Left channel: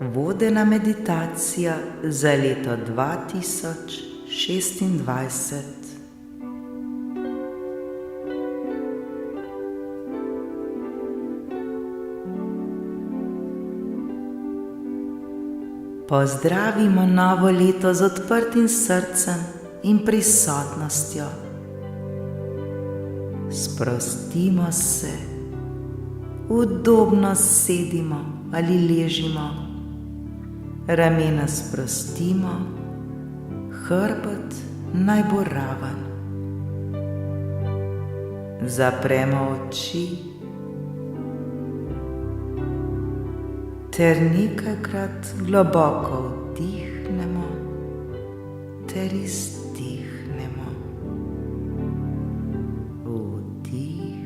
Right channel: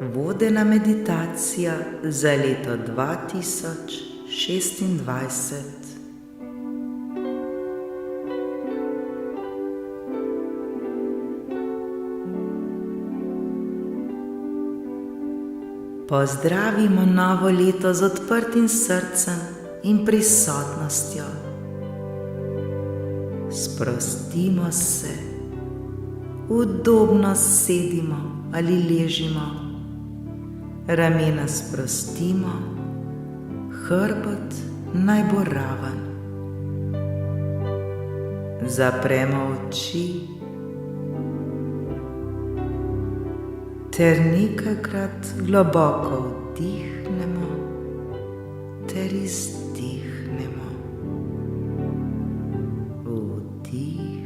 Vodena meditacija za leto 2026. Pozdravimo novo leto z odprtim srcem in prisotnostjo. Sprostimo se, udobno sedimo ali ležimo, ramena sprostimo, hrbet naj bo raven. Zapremo oči ter nekajkrat globoko vdihnemo ter izdihnemo. Vdih,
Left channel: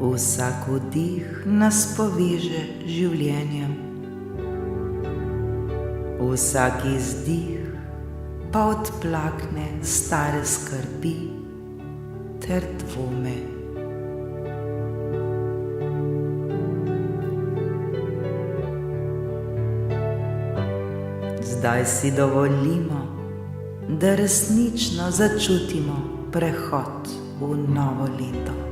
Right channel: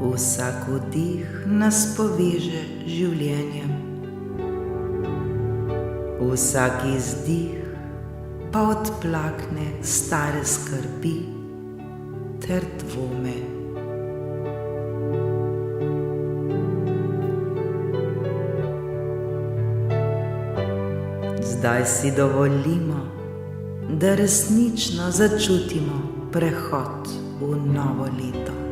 Vsak vdih nas poveže z življenjem, vsak izdih pa odplakne stare skrbi ter dvome. Zdaj si dovolimo, da resnično začutimo prehod v novo leto.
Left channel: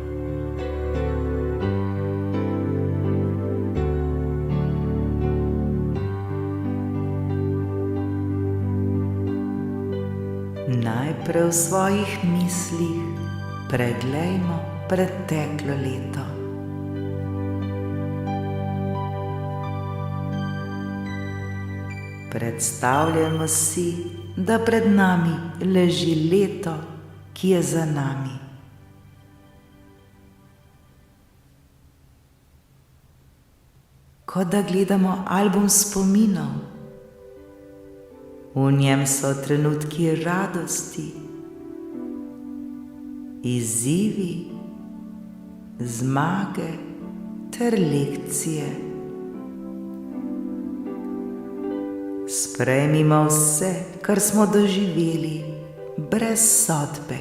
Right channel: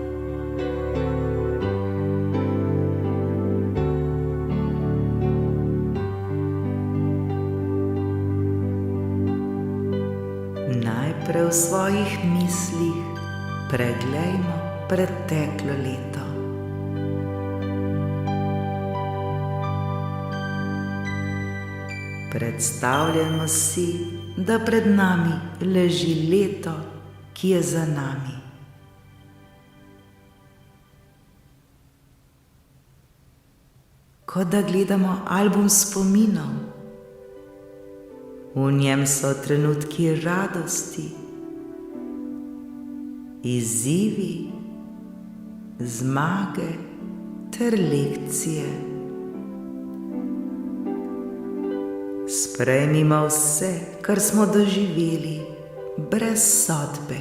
Najprej v svojih mislih preglejmo preteklo leto. Predstavljajmo si, da pred nami leži leto, ki je za nami. Kot da gledamo album spominov. V njem so trenutki radosti, izzivi, zmage ter lekcije. Sprejmimo vse, kar smo doživeli, brez sodbe.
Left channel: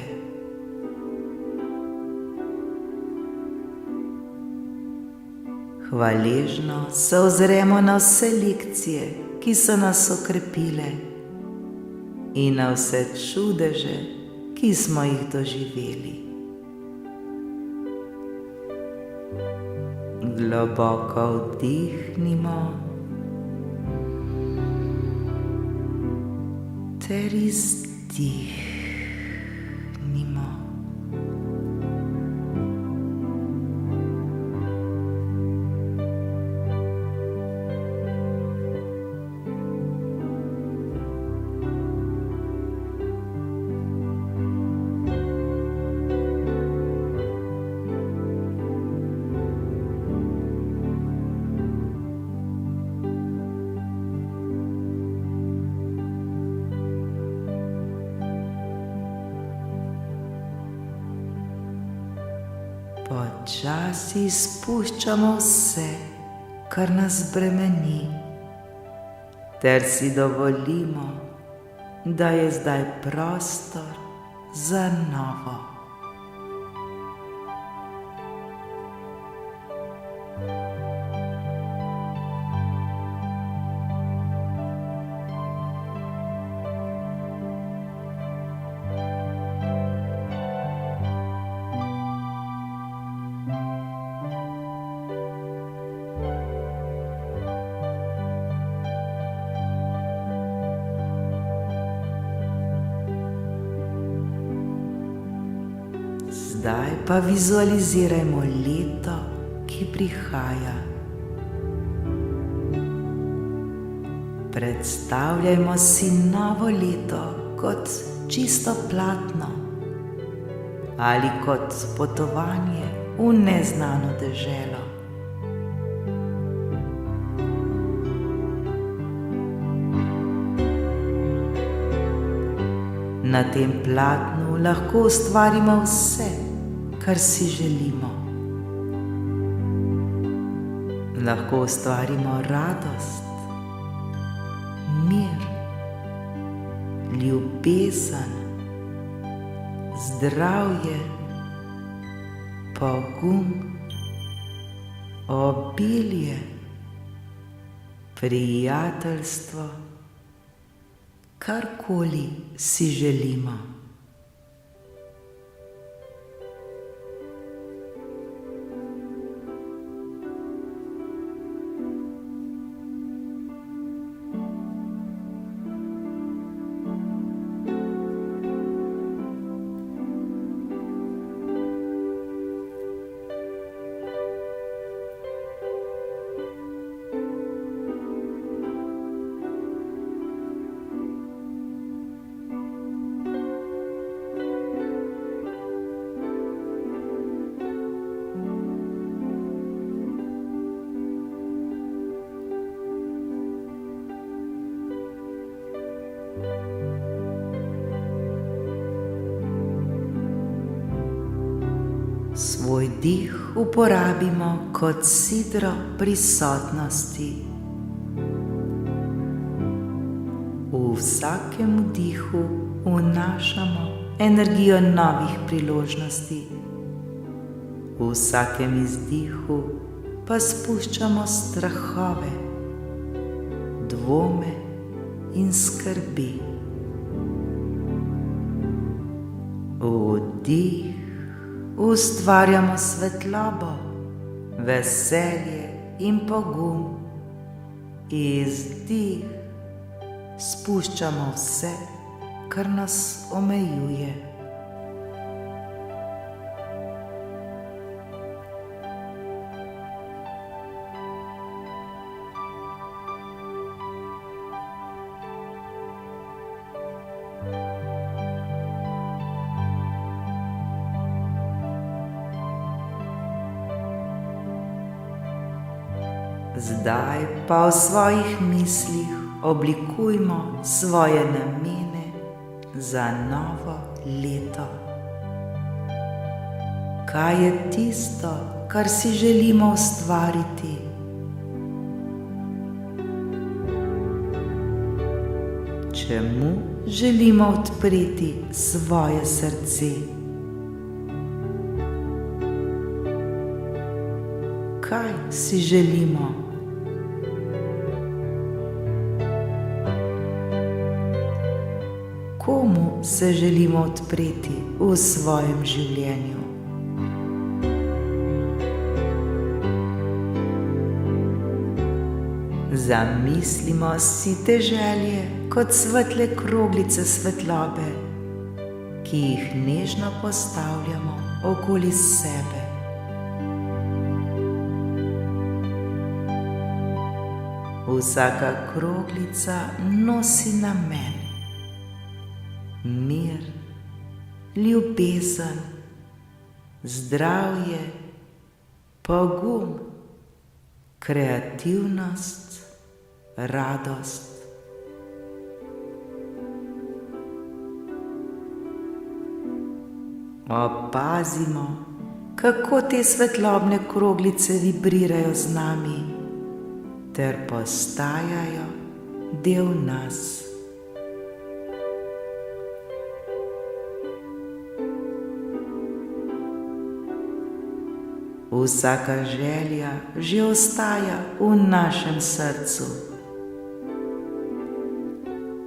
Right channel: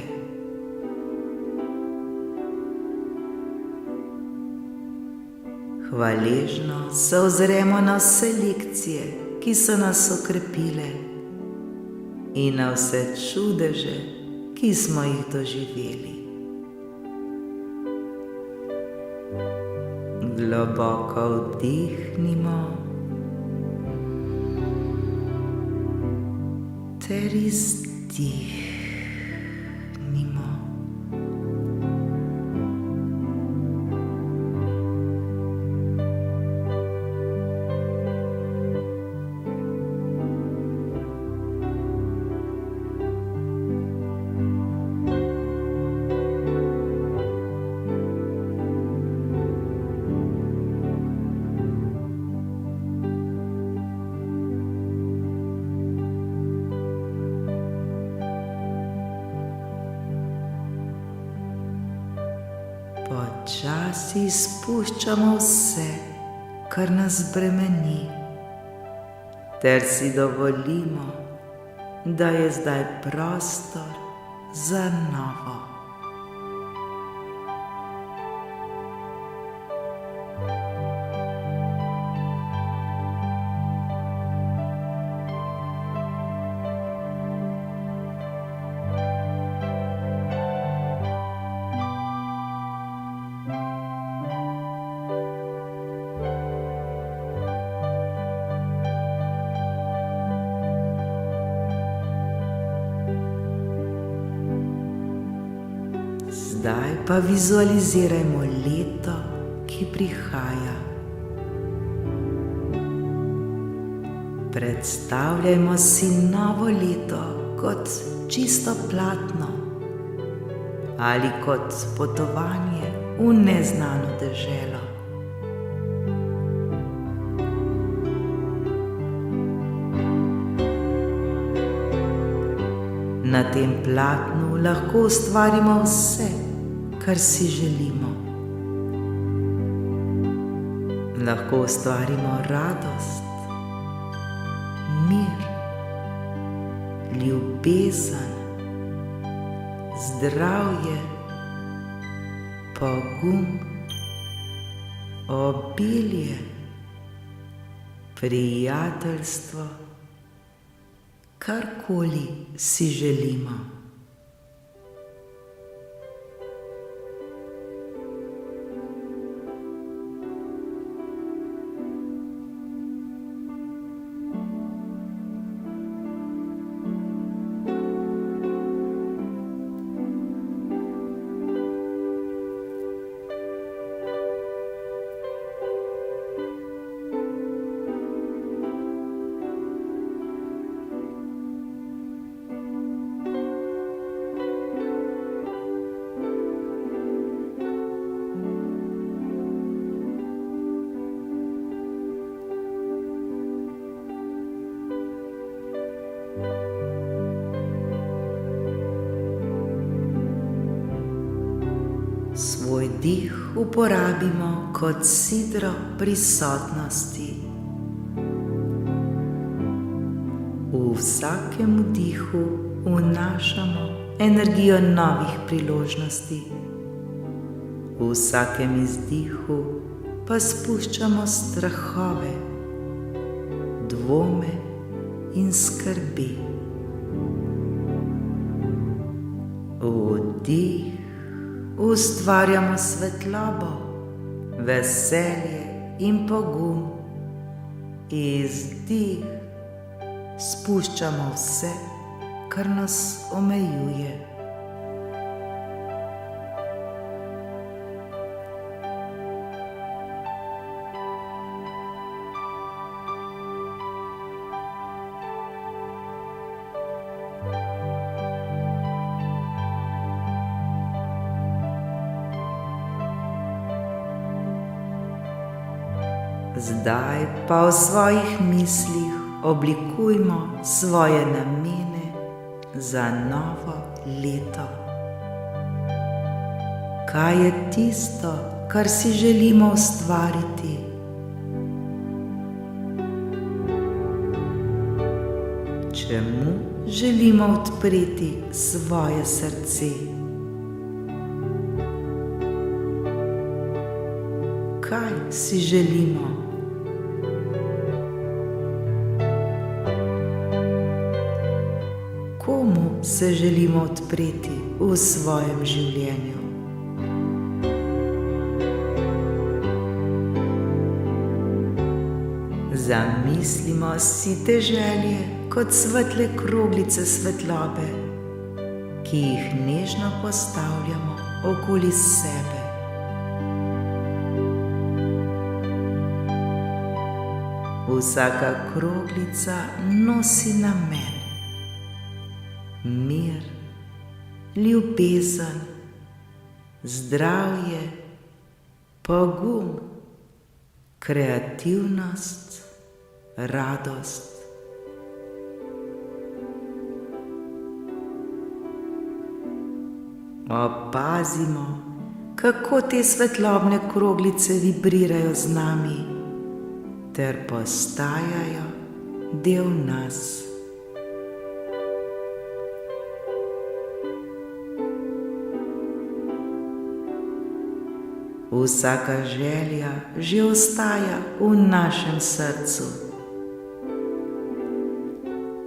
Hvaležno se ozremo na vse lekcije, ki so nas okrepile, in na vse čudeže, ki smo jih doživeli. Globoko vdihnimo ter izdihnimo. Počasi spuščamo vse, kar nas bremeni, ter si dovolimo, da je zdaj prostor za novo. Zdaj pa vizualizirajmo leto, ki ki prihaja. Predstavljajmo si novo leto kot čisto platno ali kot potovanje v neznano deželo. Na tem platnu lahko ustvarimo vse, kar si želimo. Lahko ustvarimo radost, mir, ljubezen, zdravje, pogum, obilje, prijateljstvo, karkoli si želimo. Svoj dih uporabimo kot sidro prisotnosti. V vsakem vdihu vnašamo energijo novih priložnosti, v vsakem izdihu pa spuščamo strahove, dvome in skrbi. Vdih ustvarjamo svetlobo, veselje in pogum. Izdih spuščamo vse, kar nas omejuje. Zdaj pa v svojih mislih oblikujmo svoje namene za novo leto. Kaj je tisto, kar si želimo ustvariti? Čemu želimo odpreti svoje srce? Kaj si želimo? Komu se želimo odpreti v svojem življenju? Zamislimo si te želje kot svetle kroglice svetlobe, ki jih nežno postavljamo okoli sebe. Vsaka kroglica nosi namen: mir, ljubezen, zdravje, pogum, kreativnost, radost. Opazimo, kako te svetlobne kroglice vibrirajo z nami ter postajajo del nas. Vsaka želja že ostaja v našem srcu.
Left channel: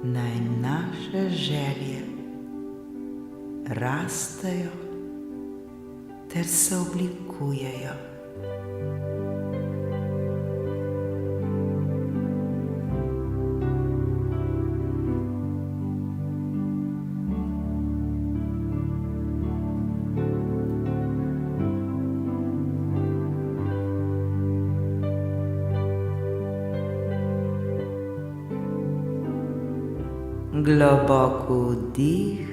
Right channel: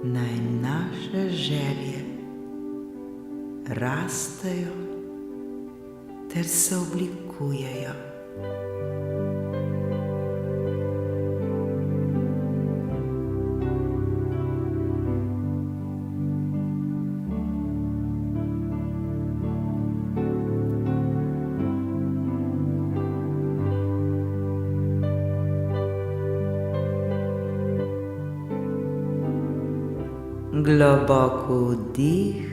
Naj naše želje rastejo ter se oblikujejo. Globoko vdih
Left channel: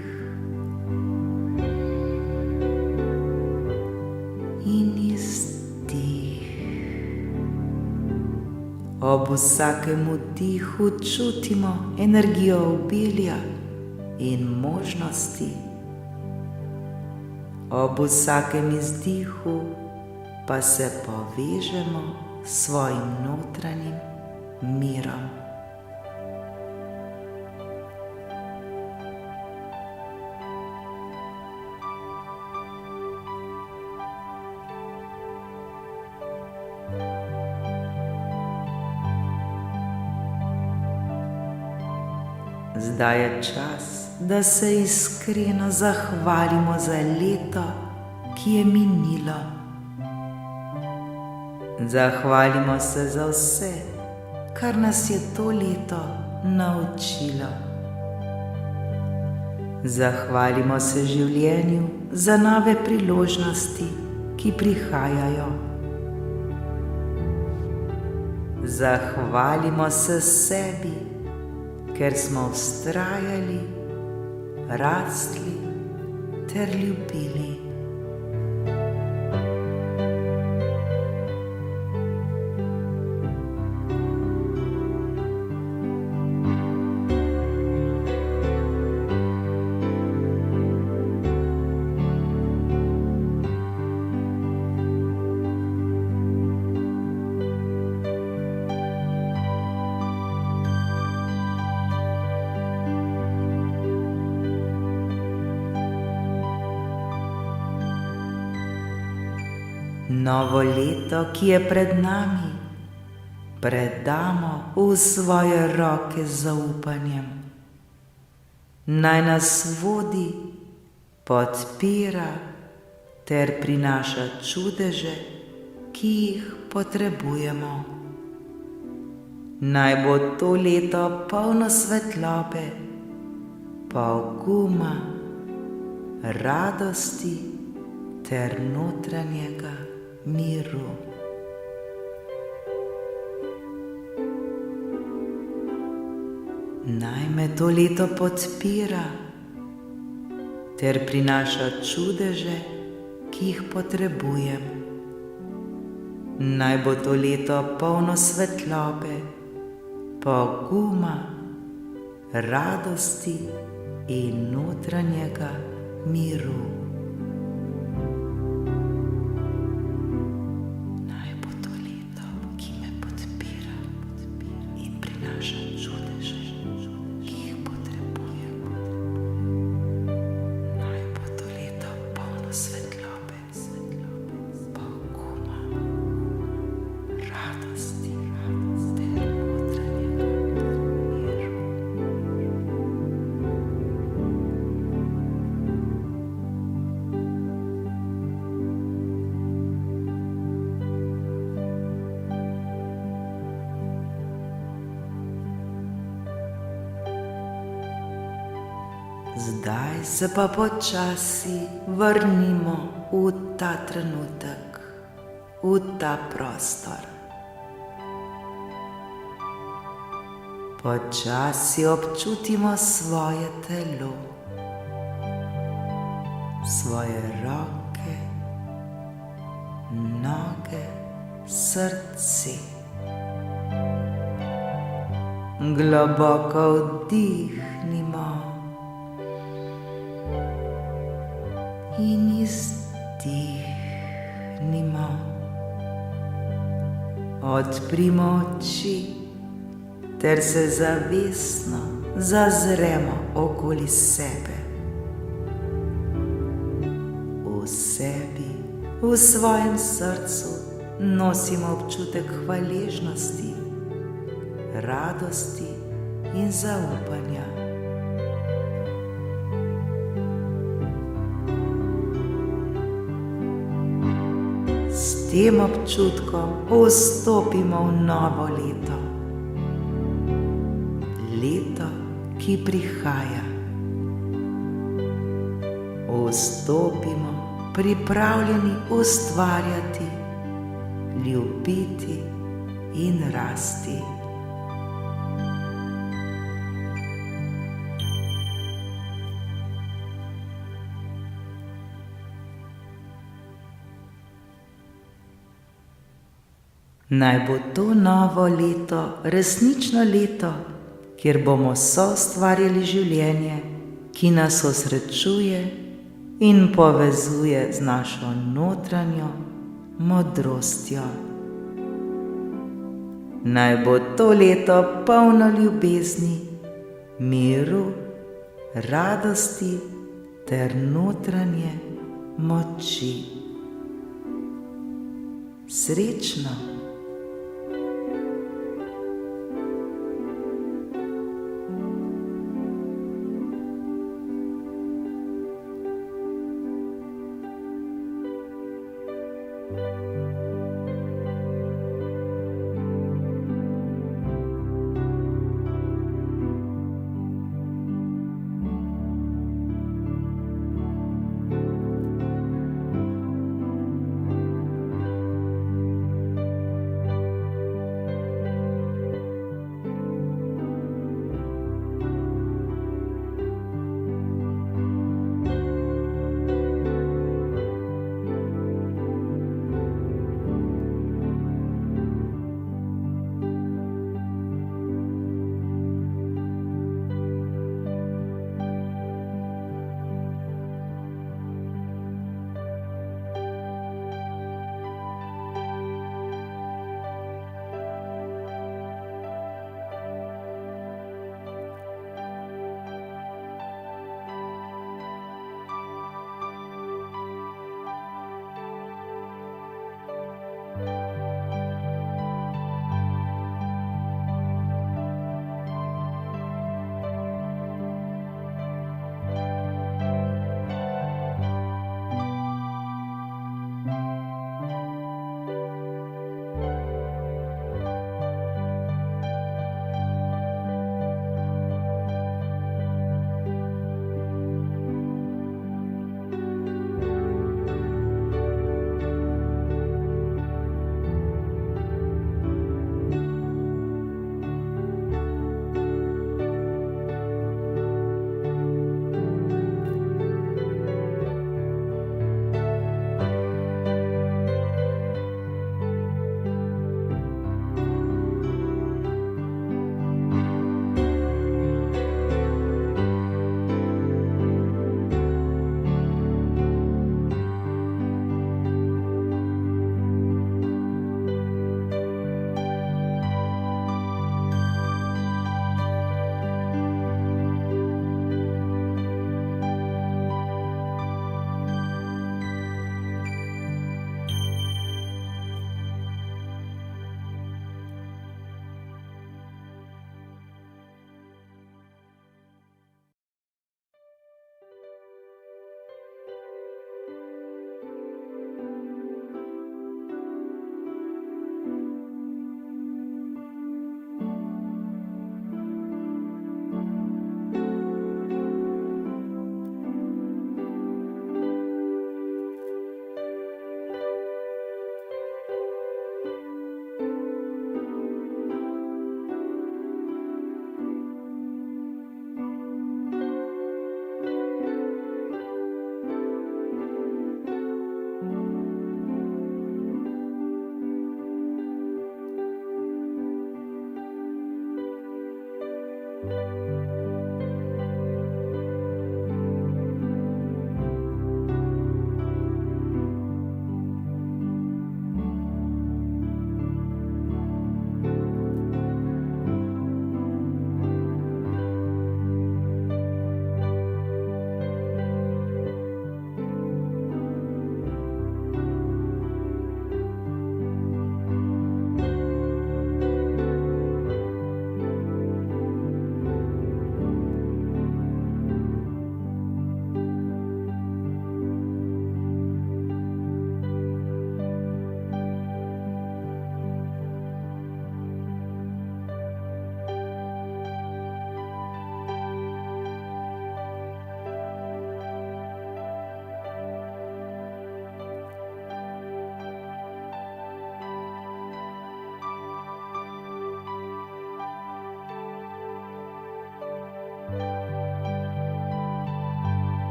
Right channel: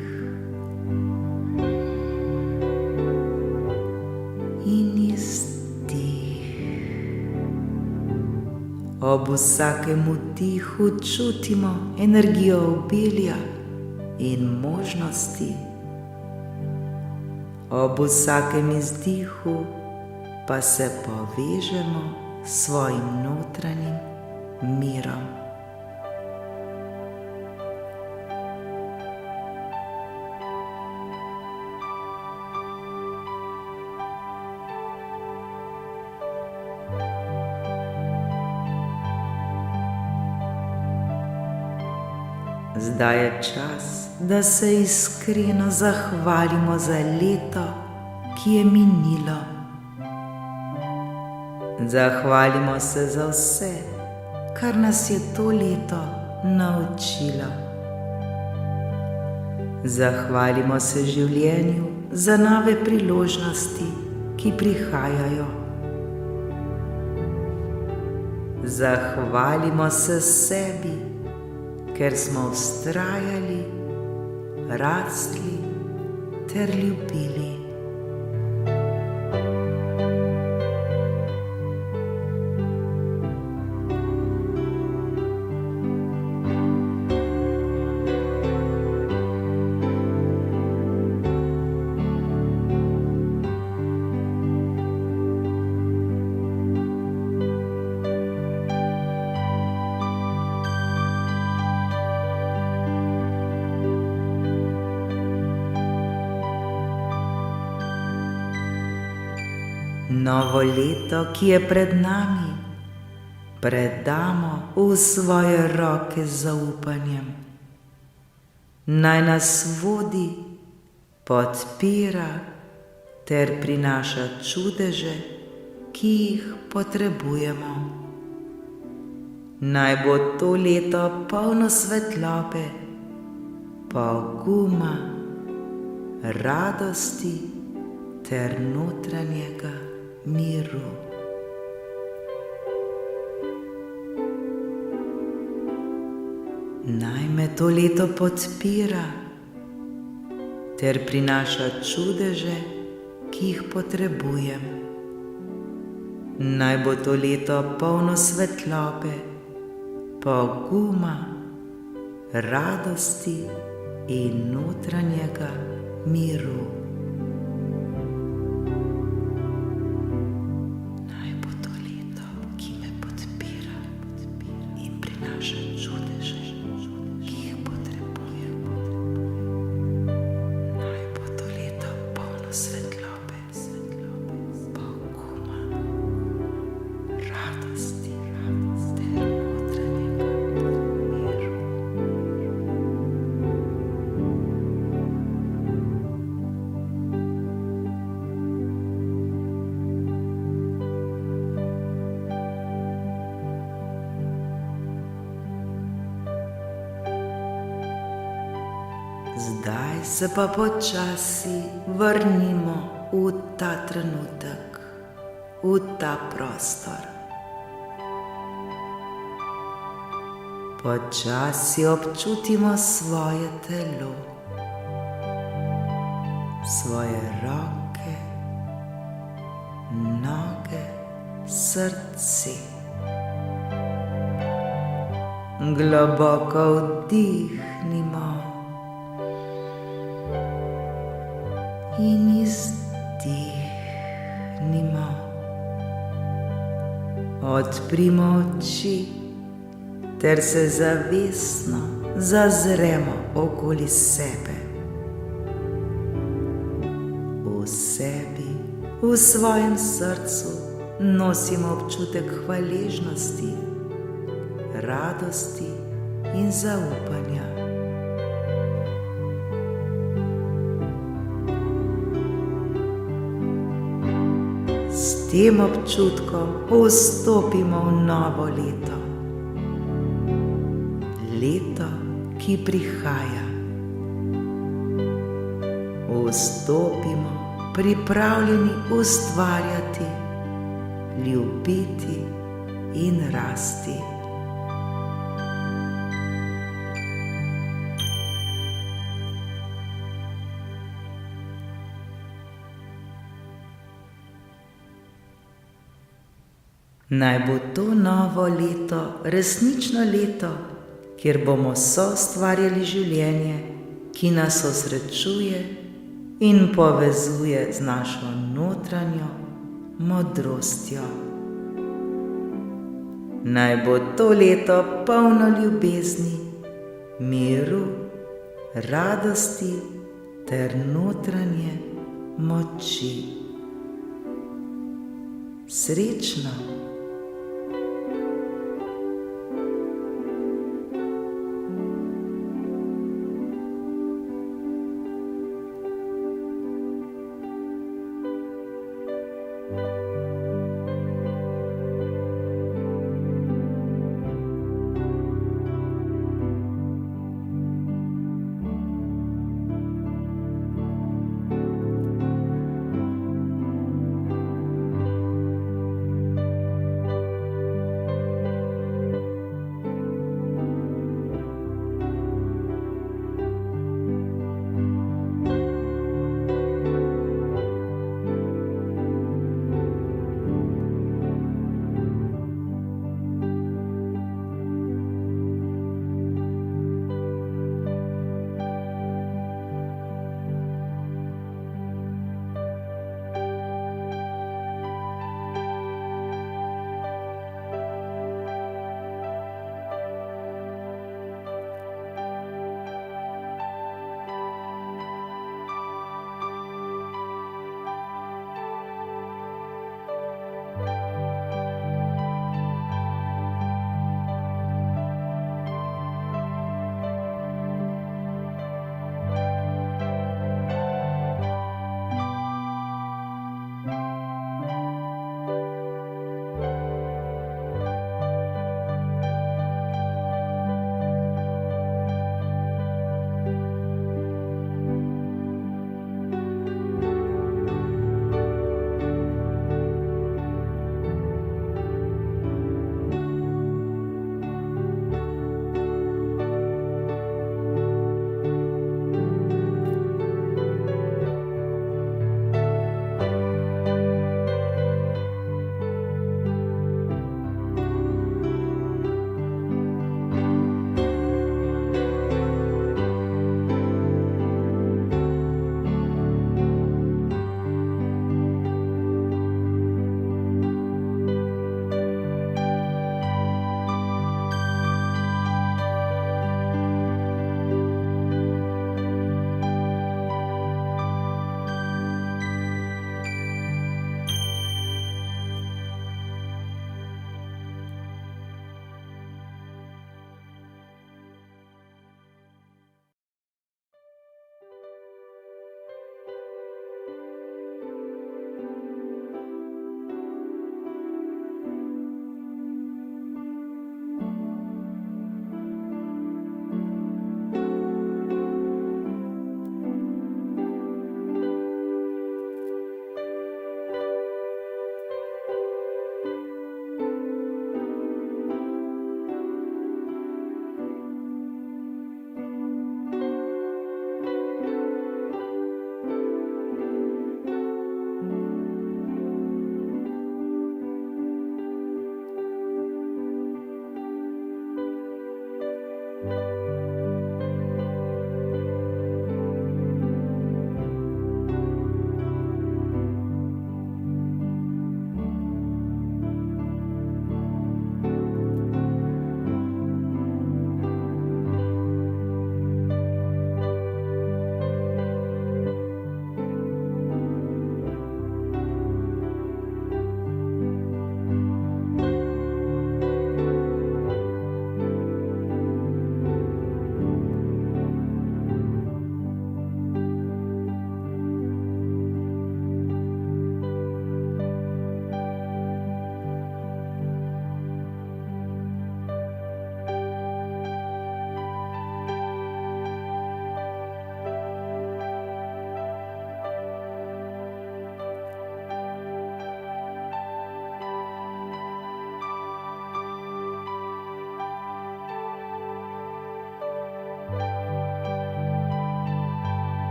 in izdih. Ob vsakem vdihu čutimo energijo obilja in možnosti. Ob vsakem izdihu pa se povežemo s svojim notranjim mirom. Zdaj je čas, da se iskreno zahvalimo za leto, ki je minilo. Zahvalimo se za vse, kar nas je to leto naučilo. Zahvalimo se življenju za nove priložnosti, ki prihajajo. Zahvalimo se sebi, ker smo vztrajali, rastli ter ljubili. Novo leto, ki je pred nami, predamo v svoje roke z zaupanjem. Naj nas vodi, podpira ter prinaša čudeže, ki jih potrebujemo. Naj bo to leto polno svetlobe, poguma, radosti ter notranjega miru. Naj me to leto podpira ter prinaša čudeže, ki jih potrebujem. Naj bo to leto polno svetlobe, poguma, radosti in notranjega miru. Zdaj se pa počasi vrnimo v ta trenutek, v ta prostor. Počasi občutimo svoje telo, svoje roke, noge, srce. Globoko vdihnimo in izdihnimo. Odprimo oči ter se zavestno zazremo okoli sebe. V sebi, v svojem srcu nosimo občutek hvaležnosti, radosti in zaupanja. S tem občutkom vstopimo v novo leto. Leto, ki prihaja. Vstopimo pripravljeni ustvarjati, ljubiti in rasti. Naj bo to novo leto resnično leto, kjer bomo soustvarjali življenje, ki nas osrečuje in povezuje z našo notranjo modrostjo. Naj bo to leto polno ljubezni, miru, radosti ter notranje moči. Srečno!